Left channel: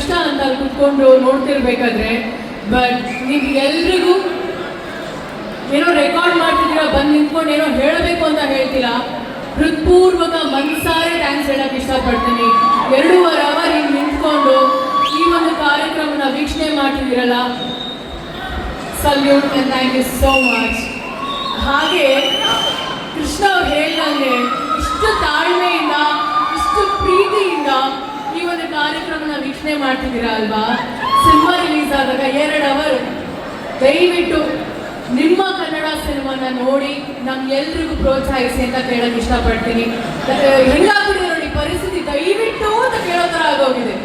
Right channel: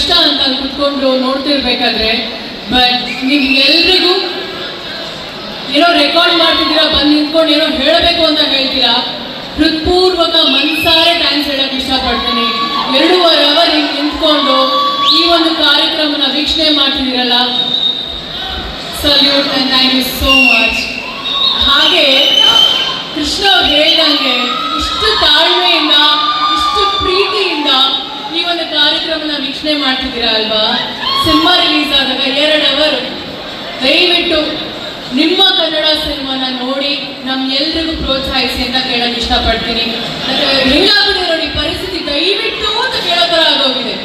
ಕಷ್ಟ ಅಂತ ಅಲ್ಲಿ ಕುತ್ಕೊಂಡು ನೋಡ್ತಿರ್ಬೇಕಾದ್ರೆ. ಬಟ್ ನೀವು ಎಲ್ರಿಗೂ ಏನೋ ರೆಕಾರ್ಡ್ ಮಾಡ್ತಿದ್ದೀರಾ, ಬಂದು ನಿಂತ್ಕೊಂಡು ಏನೋ ಹೇಳಬೇಕು ಅಂತ ಹೇಳ್ತೀರಾ. ಹೃತ್ಪೂರ್ವಕ ಮನ್ಸಾರೆ ಥ್ಯಾಂಕ್ಸ್ ಹೇಳಕ್ಕೆ ಇಷ್ಟಪಡ್ತೀನಿ. 2.5 ಅವರ್ ಹಿಂಗೆ ನಿಂತ್ಕೊಂಡು ಈ ಒಂದು ಕಾರ್ಯಕ್ರಮನ ವೀಕ್ಷಣೆ ಮಾಡ್ತಿದ್ದೀರಲ್ಲ, salute and thank you so much. ಹಾಗೆ ಕೃಷ್ಣ ಅವ್ರು ಹೇಳಿದಂಗೆ ಇಷ್ಟು ತಾಳ್ಮೆಯಿಂದ, ಇಷ್ಟು ಪ್ರೀತಿಯಿಂದ ಈ ಒಂದು ಕಾರ್ಯಕ್ರಮನ ವೀಕ್ಷಣೆ ಮಾಡ್ತಿದ್ದೀರಾ ಅಲ್ವಾ. ಸಿನಿಮಾ ರಿಲೀಸ್ ಆದಾಗ 2 ಅವರ್ ದಯವಿಟ್ಟು ನಿಮ್ಮ ಕನ್ನಡ ಸಿನಿಮಾನ ನೋಡಿ ನಮ್ಗೆಲ್ರಿಗೂ ಪ್ರೋತ್ಸಾಹಿಸಿ ಅಂತ ಕೇಳಕ್ಕೆ ಇಷ್ಟಪಡ್ತೀನಿ. ಹೆಂಗಾಗ್ಬಿಟ್ಟಿದೆ ನೋಡಿ ಪರಿಸ್ಥಿತಿ, ದಯವಿಟ್ಟು ಅಂತ ಕೇಳೋ ಥರ ಆಗೋಗಿದೆ.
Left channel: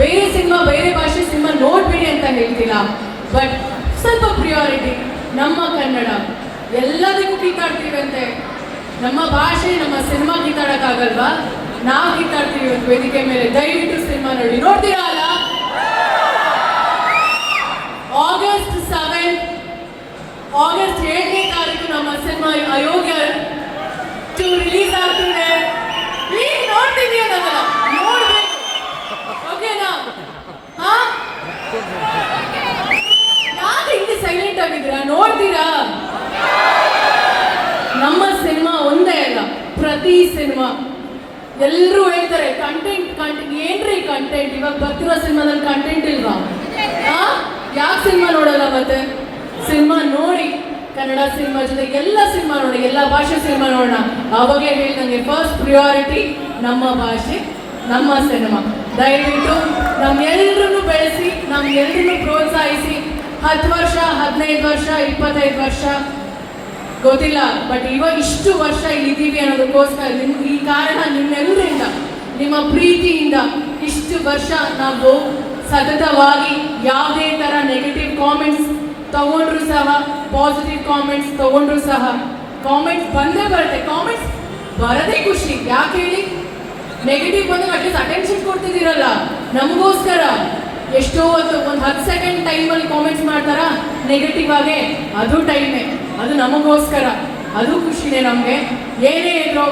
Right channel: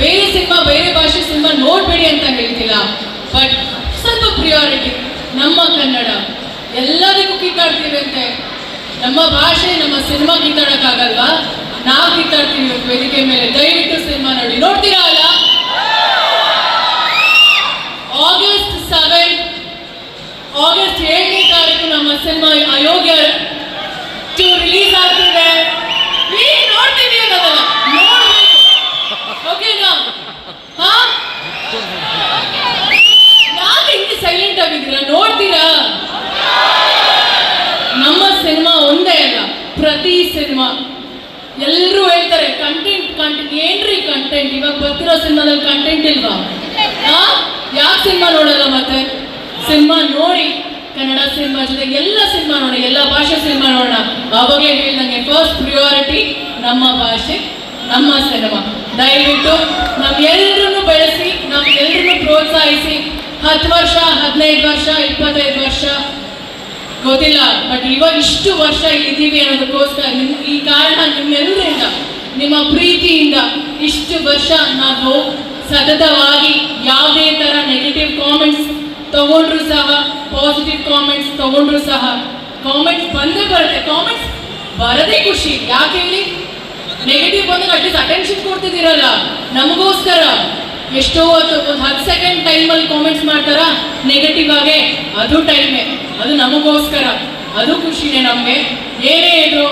ಬೇರೆ ಸಿನಿಮಾ, ಬೇರೆ ಭಾಷೆ ಸಿನಿಮಾ ನೋಡ್ಬೇಡಿ ಅಂತ ಹೇಳ್ತಿಲ್ಲ, ಬಟ್ ಸ್ವಲ್ಪ ಪ್ರಿಯಾರಿಟಿ ನಮ್ಮ ಕನ್ನಡ. ಎಲ್ಲದಕ್ಕೂ ಕಿತ್ತಾಡ್ತೀವಿ ಅಂತೆ, ನಮ್ಮ ಭಾಷೆ ನಮ್ಮ ಸಿನಿಮಾ ಕಿತ್ತಾಡಕ್ಕಾಗಲ್ವಾ? ನಾವು ಕಿತ್ತಾಡ್ತೀವಿ ವೇದಿಕೆ ಮೇಲೆ. ದಯವಿಟ್ಟು ಸಿನಿಮಾ ನೋಡಿ. ನೋಡ್ತೀರಾ ಅಲ್ಲ? ಆಗಸ್ಟ್ 7ನೇ ತಾರೀಕು ನಮ್ಮ ಸಿನಿಮಾ ಅಯೋಗ್ಯ ರಿಲೀಸ್ ಆಗ್ತಿದೆ. ನೋಡ್ತೀವಿ ಅನ್ನೋದಲ್ಲ, ನೋಡ್ಬೇಕು. ಓಕೆನಾ? ಯಾಕೆ ಹಿಂಗೆ ಸೈಲೆಂಟ್ ಆಗಿದ್ದೀರಾ? ನೋಡ್ತೀರಾ? ನಮ್ಮ ಸಿನಿಮಾ ಒಂದೇ ಅಲ್ಲ, ಪ್ರತಿ ಸಿನಿಮಾ ಎಲ್ಲರೂ ಹೇಳ್ತಾರೆ ಕಂಟೆಂಟ್ ಏನ್ರಿ ಕಂಟೆಂಟ್, ಇವಾಗ ಬರ್ತಿರೋ ಸಿನಿಮಾದಲ್ಲಿ ಕಂಟೆಂಟ್ ಇಲ್ವಾ? ಯಾಕೆ ಸಿನಿಮಾ ನೋಡಲ್ಲ? ಮತ್ತೆ ಸಿನಿಮಾ ನೋಡಿ, ಕನ್ನಡ ಸಿನಿಮಾ ಜೊತೆಗೆ ಎಲ್ಲ ಸಿನಿಮಾ ನೋಡಿ, ಎಲ್ಲ ಭಾಷೆ ಸಿನಿಮಾ ನೋಡೋಣ. ಅವಾಗೇ ಹೇಳಿದಂಗೆ ಫಸ್ಟ್ ಪ್ರಿಯಾರಿಟಿ ನಮ್ಮ ಭಾಷೆ, ನಮ್ಮ ಸಿನಿಮಾ. ದಯವಿಟ್ಟು ನಮ್ಗೆಲ್ರೂ ಬೆಳೆಸಿ, ನಮ್ಗೆಲ್ರೂ ಪ್ರೋತ್ಸಾಹಿಸಿ. 10 ವರ್ಷ, 15 ವರ್ಷ, 25 ವರ್ಷ ಗೊತ್ತಿಲ್ಲ, ಬಟ್ ಇವಾಗ ಇಷ್ಟು ವರ್ಷ ಇದ್ದೀವಿ ಅನ್ನೋದಕ್ಕೋಸ್ಕರ ಈ ಕಾರಣ ನಿಮ್ಮೆಲ್ಲರಿಂದ, ನಿಮ್ಮ ಪ್ರೀತಿಯಿಂದ ಇಷ್ಟು ವರ್ಷ ನಾವು ಸತತವಾಗಿ ಯಾವುದೇ ಥರ ನೆಗೆಟಿವ್ ಕಾಮೆಂಟ್ಸ್ ತಗೊಂಡ್ರು ಸಹ, ಪಾಸಿಟಿವ್ ಕಾಮೆಂಟ್ಸ್ ತಗೊಂಡ್ರು ಸಹ, ಕಾಮೆಂಟ್ಸ್ ಬಂದೇ ಬರುತ್ತೆ. ಕಾಮೆಂಟ್ಸ್ ಬರದೇ ಖುಷಿ. ಯಾಕೆ ಹೇಳಿ? ನೆಗೆಟಿವ್ ಬಂದಾಗ ಅಟ್ಲೀಸ್ಟ್ ಅಟೆನ್ಷನ್ ಕೊಡ್ತಿದ್ದೀರಲ್ಲ ನಮಗೋಸ್ಕರ. ಎಷ್ಟೋ ಒಂದು 10 ಸೆಕೆಂಡ್ ಟೈಮಲ್ಲಿ ಕಾಮೆಂಟ್ಸ್ ಮಾಡ್ತಾರಾ ನೆಗೆಟಿವ್ ಆಗೇ, ಅದು ಟೈಮೇ, ಅದು ನಮಗೋಸ್ಕರ, ಅದು ಖುಷಿನೇ ನಮಗೆ. ಏನೇ ಇದ್ರು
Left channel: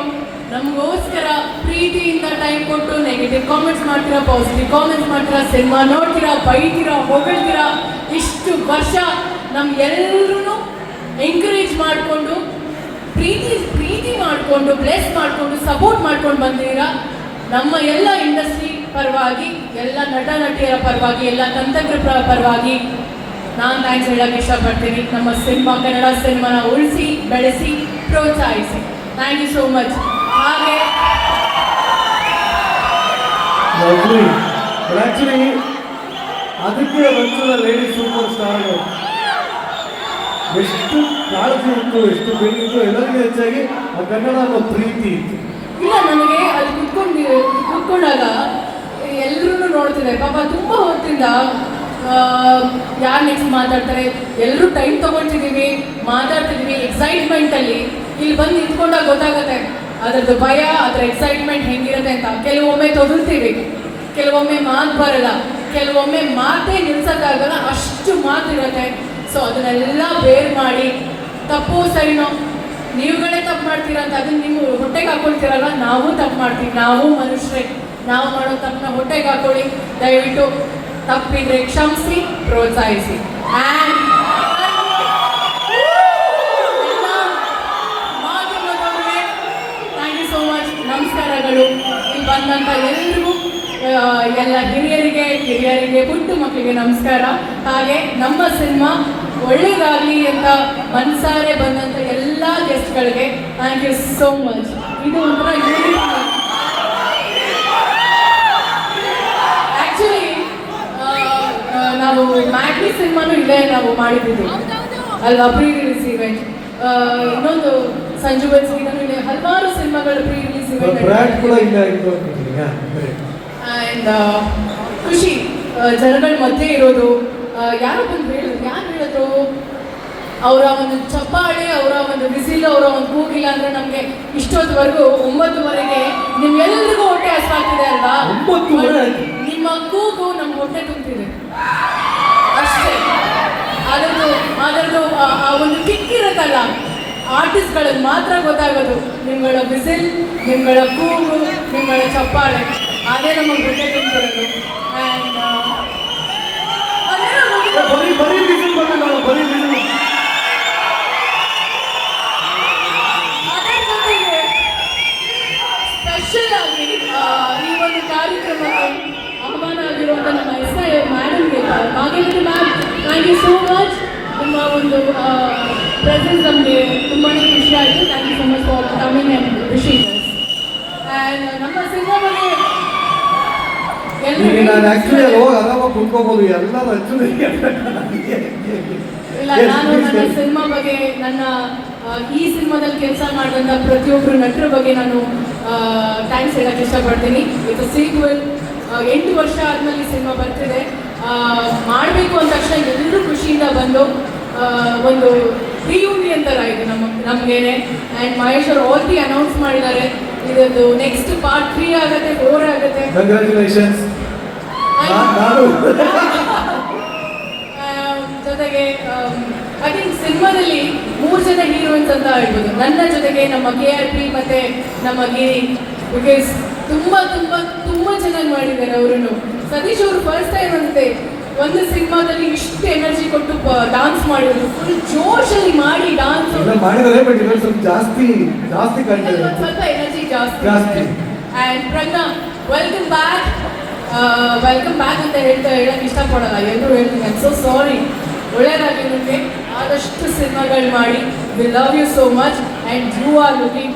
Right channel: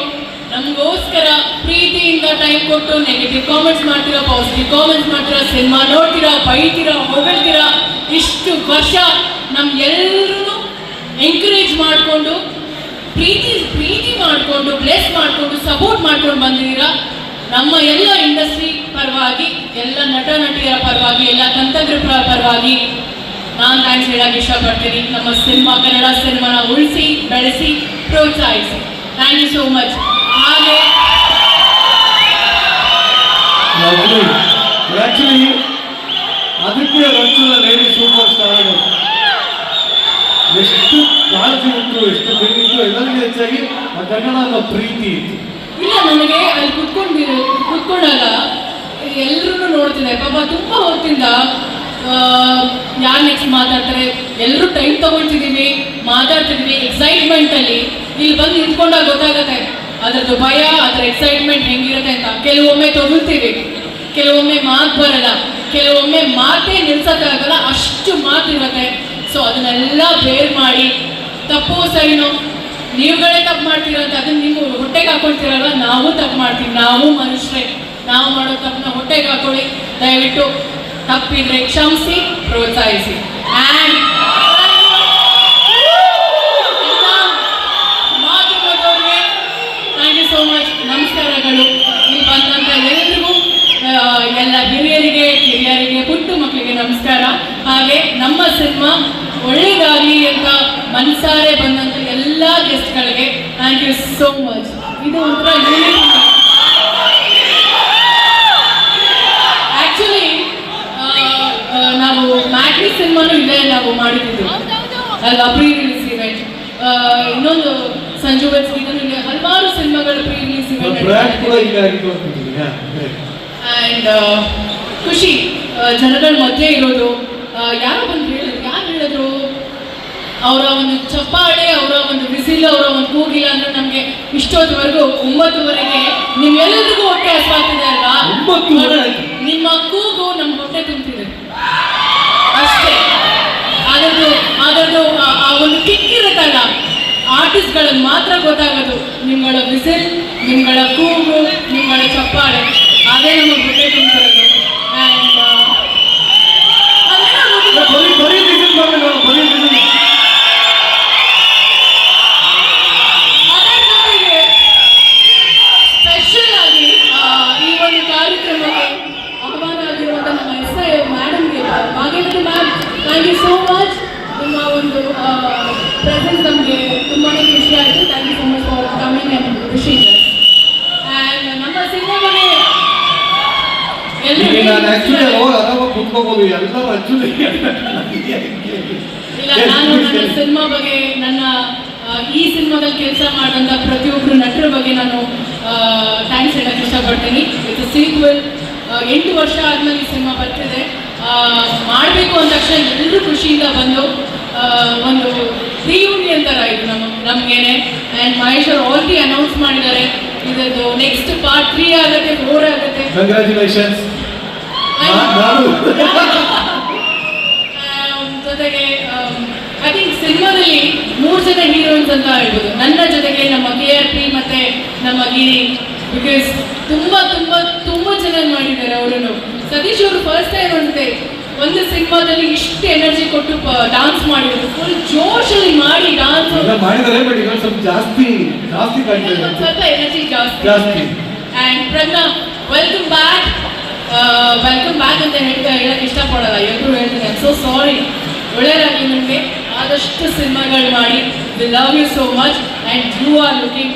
ನಮಗೋಸ್ಕರ ಪ್ರೀತಿಯಿಂದ ಟೈಮ್ ಕೊಟ್ಟು ನೆಗೆಟಿವ್ ಕಾಮೆಂಟ್ಸ್ ಮಾಡ್ತೀರಾ, ಪಾಸಿಟಿವ್ ಕಾಮೆಂಟ್ಸ್ ಮಾಡ್ತೀರಾ, ಸಿನಿಮಾ ನೋಡ್ತೀರಾ, ಬೈತೀರಾ, ಹೊಗಳ್ತೀರಾ. ಇಷ್ಟು ವರ್ಷ ನಮ್ಗೆಲ್ಲರೂ ಎಂಕರೇಜ್ ಮಾಡಿಕೊಂಡು, ಪ್ರೀತಿ ಮಾಡಿಕೊಂಡು, ಬ್ಲೆಸ್ ಮಾಡಿಕೊಂಡು, ಸಪೋರ್ಟ್ ಮಾಡ್ಕೊಂಡು ಬಂದಿದ್ದೀರಾ. ನಮ್ಮ ಎಲ್ಲ ಇಂಡಸ್ಟ್ರಿ ಪರವಾಗಿ, ಎಲ್ಲ ನಟ ನಟಿಯರ ಪರವಾಗಿ, ಎಲ್ಲ ತಂತ್ರಜ್ಞರ ಪರವಾಗಿ ನಾನು ಥ್ಯಾಂಕ್ಸ್ ಹೇಳಕ್ಕೆ ಇಷ್ಟಪಡ್ತೀನಿ. ನಮ್ಮ ಸಿನಿಮಾ, ಕನ್ನಡ ಸಿನಿಮಾನ ಉಳಿಸಿ, ಬೆಳೆಸಿ, ಪ್ರೋತ್ಸಾಹಿಸಿ. Thank you so much. ಹಾಗೆ ಆಕ್ಚುಲಿ ಅದಕ್ಕೆ ರಂಚುಲ ಲೇಡಿ ಸೂಪರ್ ಸ್ಟಾರ್ ಎಷ್ಟು ಕಾಳಜಿ ಉಂಟು, ಎಷ್ಟು ಬೇಕಿತ್ತು, ಎಲ್ಲರಿಗೂ ಹೆಚ್ಚಾಗಿ ಆ ಕನ್ನಡ ಪ್ರೀತಿ ಇತ್ತು. ಇಲ್ಲ, ನನಗೆ ಅಲ್ಲಿ ಕುತ್ಕೊಂಡಾಗ ಎಲ್ಲರೂ ನೋಡ್ತಿದ್ದೆ ಪಾಪ. ತುಂಬ ಹೊತ್ತಿಂದ ಯಾರು ನೆಕ್ಸ್ಟ್ ಮಾತಾಡ್ತಾರೆ, ಎಲ್ಲರೂ ಟೈಮ್ ತಗೊಳ್ತಿದ್ದೀವಿ, ಮಾತಾಡ್ತಿದ್ದೀವಿ ಎಕ್ಸೈಟ್ಮೆಂಟಲ್ಲಿ. ಇಲ್ಲಿ ಬಂದು ನಿಂತ್ಕೊಂಡಾಗ ಗೊತ್ತಾಗುತ್ತೆ ಅದರದ್ದು ಭಯ, ಅದರ ಎಕ್ಸೈಟ್ಮೆಂಟ್ ಹೆಂಗಿರುತ್ತೆ ಅಂತ. ಕೆಲವೊಮ್ಮೆ ತೊಗೊಳ್ತೀವಿ, ಕೆಲವೊಮ್ಮೆ ಮಾತು ಬರಲ್ಲ, ಕೆಲವೊಮ್ಮೆ ಮಾತೇ ನಿಲ್ಸೋಕ್ಕಾಗಲ್ಲ, ಅಷ್ಟು ಮಾತಿರುತ್ತೆ. ಸೊ ಅದನ್ನೆಲ್ಲ ಬೇರ್ ಮಾಡಿ, ತಪ್ಪು ಸರಿನೋ ನೀವುಗಳೇ ತಪ್ಪು ಮಾಡ್ತೀರಾ ಅಂತ ಅದನ್ನ ನೀವು ಹೊಟ್ಟೆಗೆ ಹಾಕೊಳ್ತೀರಲ್ಲ, ನಾವು ತಪ್ಪು ಮಾಡ್ತೀವಿ, ನಾವು ಮನುಷ್ಯರೇ. ನಾವು ಮಾಡೋ ತಪ್ಪನ್ನ ಹೊಟ್ಟೆಗೆ ಹಾಕೊಳ್ಳಿ. ದಯವಿಟ್ಟು ತಪ್ಪಿದ್ರೆ ಕ್ಷಮಿಸಿ, ಪ್ರೋತ್ಸಾಹಿಸಿ. Thank you so much. ನಮಸ್ಕಾರಗಳು. ಇಲ್ಲಿ ಬಂದಂಥ ಎಲ್ಲರಿಗೂ, ಎಲ್ಲ ಕಿರಿಯರಿಗೆ, ಪುಟ್ಟು ಮಕ್ಕಳಿಗೆ ನಮಸ್ಕಾರ. ಹಾಗೆ ನಮ್ಮ ಸಿನಿಮಾ ಒಳ್ಳೆಯದಾಗಲಿ ಅಂತ ಮನಸಾರೆ ಬಂದಂಥ ಎಲ್ಲ ಗೆಸ್ಟ್ಗಳಿಗೆ ಥ್ಯಾಂಕ್ ಯು ಸೋ ಮಚ್. ಇದು ಒಂಥರ ಆ್ಯಕ್ಚುಲಿ ನಾವು ಮ್ಯಾಟ್ರಿ ಸಿನಿಮಾನು ಇಲ್ಲೇ ನಾವು ಮಾಡಿದ್ದು ಅಲ್ವಾ, ಪ್ರೀ ರಿಲೀಸ್ ಇವೆಂಟ್. ಇನ್ನೊಂದು ಸಂಜು ವೆಬ್ಸ್ ಇಲ್ಲಿ ಹಲವಾರು ಸಿನಿಮಾಗಳು ಪ್ರೀ ರಿಲೀಸ್ ಇವೆಂಟ್. ಆ್ಯಂಡ್ ಖುಷಿ ಜನಗಳ ಮಧ್ಯೆ ಇರೋದು. ಯಾರು ಹೇಳಿದ್ರು ಅವರ ಒಂದು ಚಪ್ಪಾಳೆ, ಅವರ ಒಂದು ಬಿಸಿಲು, ಅವರ ಒಂದು ಕೂಗಿಲ್ಲ ಅಂದ್ರೆ ನಮಗೆ ಇಷ್ಟೊತ್ತವರೆಗೂ 9:30ಗೆ ನಿಮ್ಮೆಲ್ಲರಿಗೂ ಹೊಟ್ಟೆ ಹಸ್ವಾಗ್ತಿದೆ ಅಲ್ವಾ? ನಿಮ್ಮ ಕೂಗು ನಮ್ಮ ಹೊಟ್ಟೆ ತುಂಬ್ತಿದೆ ಅಷ್ಟೇ. ಅದರದ್ದು ಆ ಒಂದು ಕಿಕ್ಕಿರುತ್ತಲ್ಲ, ಆರ್ಟಿಸ್ಟ್ಗಳಿಗೆ ಮಾತ್ರ ಗೊತ್ತಾಗೋದು. ನಿಮ್ಗಳ ಬಿಸಿಲ್, ನಿಮ್ಗಳ ಕೂಗು, ನಿಮ್ಗಳ ಚಪ್ಪಾಳೆ, ಅದೇ ನಮಗೆ ಹೊಟ್ಟೆ ತುಂಬ್ತಿರೋದು. ಆ್ಯಂಡ್ ಹೋಗೋದು ಎಲ್ಲರೂ ಆಕ್ಚುಲಿ ಇಲ್ಲ, ನಾನು ನನ್ನ ಸಿನಿಮಾ ಬಗ್ಗೆ, ನನ್ನ ಈ ಸಿನಿಮಾದಲ್ಲಿ ಕೆಲಸ ಮಾಡಿದಂಥ ಪ್ರತಿಯೊಬ್ಬರು ನಟರ ಬಗ್ಗೆ ನಾನು ಥ್ಯಾಂಕ್ಸ್ ಹೇಳಕ್ಕೆ ಇಷ್ಟಪಡ್ತೀನಿ. ಇದು ಸೀಕ್ವೆಲ್ 8 ವರ್ಷ ಆದಮೇಲೆ ಈ ಸಿನಿಮಾ ಬರ್ತಿದೆ. ಮಾಡಬೇಕು ಅಂದ ತಕ್ಷಣ ಎಲ್ಲರೂ ಖುಷಿಯಿಂದ ಬಂದು ಒಂದು ರಿಯೂನಿಯನ್ ಥರ ಇದು ನಮಗೇನೆ. ಆ್ಯಂಡ್ ಮಹೇಶ್ ಅವರು ಆಲ್ರೆಡಿ ಅನೌನ್ಸ್ ಮಾಡಿದ್ದಾರೆ, ಇದರದ್ದು ನೆಕ್ಸ್ಟ್ ಪಾರ್ಟ್ 3 ಆಗುತ್ತೆ, 4 ಆಗುತ್ತೆ. ಕಂಗ್ರ್ಯಾಚುಲೇಷನ್ಸ್. ಜೊತೆಗೆ ಐ ಥಿಂಕ್ ಸಿನಿಮಾದಲ್ಲಿ 3 ಜನ ಹೀರೋಯಿನ್ಸ್ ಅಂತ ಹೇಳ್ಬೋದು. ನನ್ನ ಜೊತೆಗೆ ನಮ್ಮ KRP ಮತ್ತು ನಮ್ಮ ಗಿರಿ, ಬಿಕಾಸ್ ತುಂಬ ಚೆನ್ನಾಗಿ ಮಾಡಿದ್ದಾರೆ ಅವರು. ಸತೀಶ್ ಅವರು ಫಸ್ಟ್ ಟೈಮ್ ಅನ್ಸುತ್ತೆ ಒಂದು ಸಿನಿಮಾದಲ್ಲಿ ಇಷ್ಟು ಎನರ್ಜಿ ಕೊಟ್ಟು ಡಾನ್ಸ್ ಮಾಡಿದ್ರು, ಫುಲ್ ಜೋಶಲ್ಲಿ ಮಾಡಿ ಡಾನ್ಸ್ ಮಾಡಿದರೆ. ಬಟ್ ಈಗ ಸ್ವಲ್ಪ ಜಾಸ್ತಿ ಸ್ವಲ್ಪ ಎನರ್ಜಿ ಜಾಸ್ತಿ. ಆ್ಯಂಡ್ ಪ್ರಜ್ಞಾ, ವೆಲ್ಕಮ್ ಬ್ಯಾಕ್ ಅಂತ ಹೇಳಕ್ಕೆ ಇಷ್ಟಪಡಲ್ಲ, ಎಲ್ಲರೂ ಹೇಳ್ತೀನಿ. ಸೊ ಸಾರಿ, ಒಳ್ಳೆಯದಾಗಿ ನಿಮಗೆ ಆದಷ್ಟು ಸಿನಿಮಾಗಳು ಮಾಡಿ. We love you so much and you are looking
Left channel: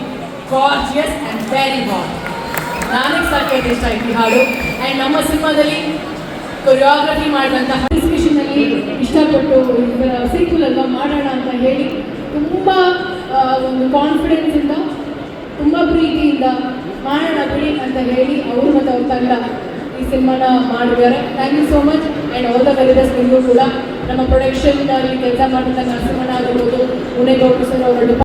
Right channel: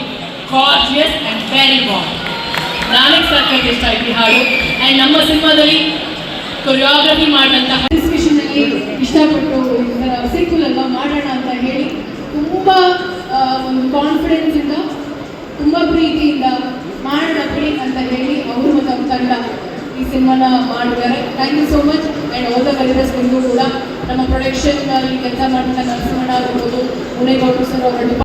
gorgeous and very warm. ನನಗೆ ಸಾಕಷ್ಟು ಇಷ್ಟ ಆಯ್ತು ಈ ಹಾಡು. ಆ್ಯಂಡ್ ನಮ್ಮ ಸಿನಿಮಾದಲ್ಲಿ ಕೊರಿಯೋಗ್ರಫಿ ಮಾಡಿದಂತಹ ಎಕ್ಸಿಬಿಷನಲ್ಲಿ ಇಷ್ಟಪಟ್ಟು ಸೀಕ್ವೆಲ್ ಅಲ್ವಾ ಮಾಡೋಣ ಅಂತ ಹೇಳಿ ತುಂಬ ಒಂದು ಕಾನ್ಫಿಡೆನ್ಸಿಂದ, ತುಂಬ ಪ್ರೀತಿಯಿಂದ ಮಾಡೋಣ ಬಿಡಿ ಅಂತ ಹೇಳಿ ಅವರು ಮತ್ತು ಅವ್ರ ತಂಡ ಈ ಸಿನಿಮಾನ ಮಾಡಿದ್ದಾರೆ. Thank you so much. And all the very best ಎಂದು ಕೂಡ ನಮ್ಮ ಪ್ರೊಡಕ್ಷನ್ನಲ್ಲಿ ಕೆಲಸ ಮಾಡಿದ ನರಸಿಂಹಣ್ಣ ಆಗಿರ್ಬೋದು, ಮುನೇಗೌಡರು ಸರ್ ಅವರ